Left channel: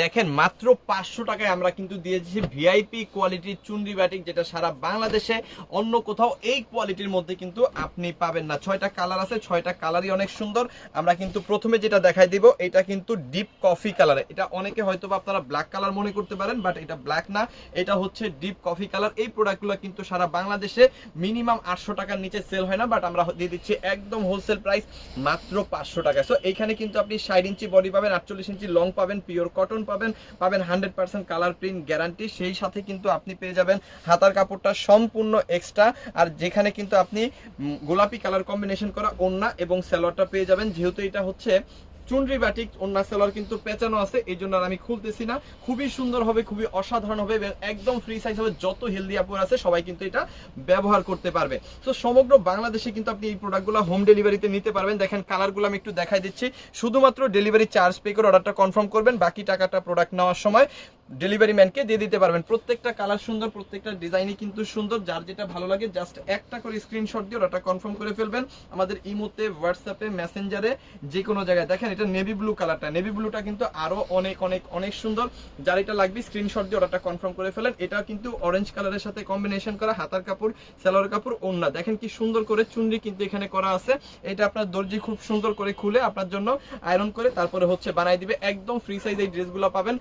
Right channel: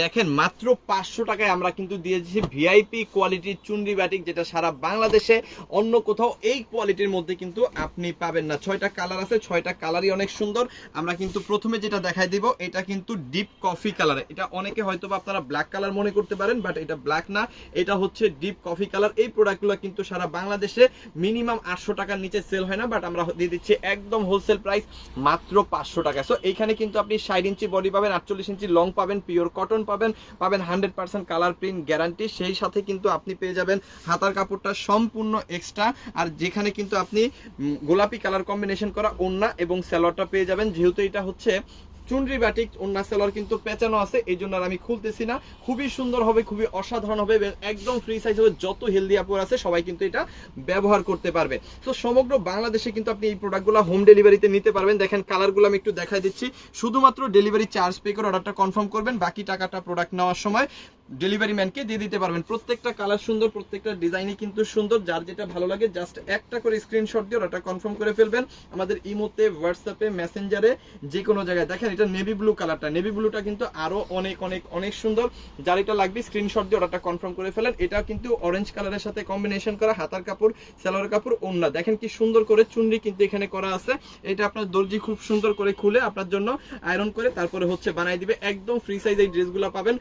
দেখেন, মাত্র পাঁচশো টাকায় আমরা কিন্তু দিয়েছি ভিআইপি কোয়ালিটির চুনরি ব্যাটিক, যেটা সারা বাংলাদেশে অন্য কোথাও এই কোয়ালিটির মধ্যে কিন্তু আপনি পাবেন না। ছয়টা কালার আছে, ছয়টা কালারই অনেক সুন্দর। আমরা কিন্তু প্রথমে যেটা দেখাই দিব, এটা কিন্তু ডিপ কফি কালার। এটা অনেকে হয়তো আপনারা ব্ল্যাক কালার মনে করতে পারেন, বাট এটা ব্ল্যাক না। এটা হচ্ছে ডিপ কফি কালার। এই প্রোডাক্টগুলো কিন্তু সারা বাংলাদেশে মিনিমাম আটশো টাকার নিচে সেল হয় না, বাট আমরা দিয়ে দিচ্ছি একদম হোলসেল প্রাইস মাত্র পাঁচশো টাকা। সো এখানে কিন্তু আপনি ষাট ইঞ্চি বডি পাবেন, আটচল্লিশ ইঞ্চি লং পাবেন পিওর কটন পাবেন পাবেন hundred percent colour print guarantee সেই সাথে কিন্তু আপনি পেয়ে যাবেন হাতার কাপড়টা সম্পূর্ণ এক্সট্রা আর যেখানে কিন্তু আপনি গোলাপি কালার কম্বিনেশন করা ওন্না এবং স্যালোয়ারটা পেয়ে যাবেন। যেহেতু এটা হচ্ছে চুনরি ব্যাটিক ওনার সেলর কিন্তু পেঁচানো আছে, এই জন্য আমি খুলতেছি না। খুবই সুন্দর হবে, খুবই অসাধারণ হবে এবং একদম ফ্রি সাইজ হবে, যত হেলদি আপুর আছে, সবাই কিন্তু এটা ব্যবহার করতে পারবে। তো সমগ্র বাংলাদেশে কিন্তু আপনি এই প্রোডাক্টগুলো হোম ডেলিভারিতে নিতে পারবেন। দেখেন কালারগুলো আমি একটু দেখাই দিচ্ছি। শুধুমাত্র ডেলিভারি চার্জ পে করে অর্ডারটা কনফার্ম করবেন, বাকি টাকাটা প্রোডাক্ট নেওয়ার সময়। ডেলিভারি ম্যানকে দিয়ে দিতে পারবেন। প্রত্যেকটা কালার সুন্দর, প্রত্যেকটা ডিজাইনই কিন্তু সুন্দর। যার যেটা ভালো লাগে জাস্ট একটা করে স্ক্রিনশট দিয়ে অর্ডারটা কনফার্ম করে ফেলবেন। আমাদের ইমোতে হোয়াটসঅ্যাপে মেসেঞ্জারে যে কোনো জায়গায়। দেখেন, এটা নেভি ব্লু কালারটা নেভি ব্লুটা কিন্তু আরও অনেক অনেক অনেক সুন্দর। যার এটা লাগবে স্ক্রিনশট দিয়ে অর্ডারটা কনফার্ম করে ফেলেন। এটা কিন্তু অরেঞ্জ কালারের সাথে কম্বিনেশন করা, হাতার কাপড় সেলোয়ার কাপড় ওন্না দেখেন কি সুন্দর করে চুনরি কিন্তু এখানে করা আছে। এটা আপনার দর্জি খুব সুন্দর করে খুলে আপনার জন্য আয়রন করে তারপরে হচ্ছে বানাই দিবে। একদম ফ্রি সাইজ এই ড্রেসগুলো পাবেন।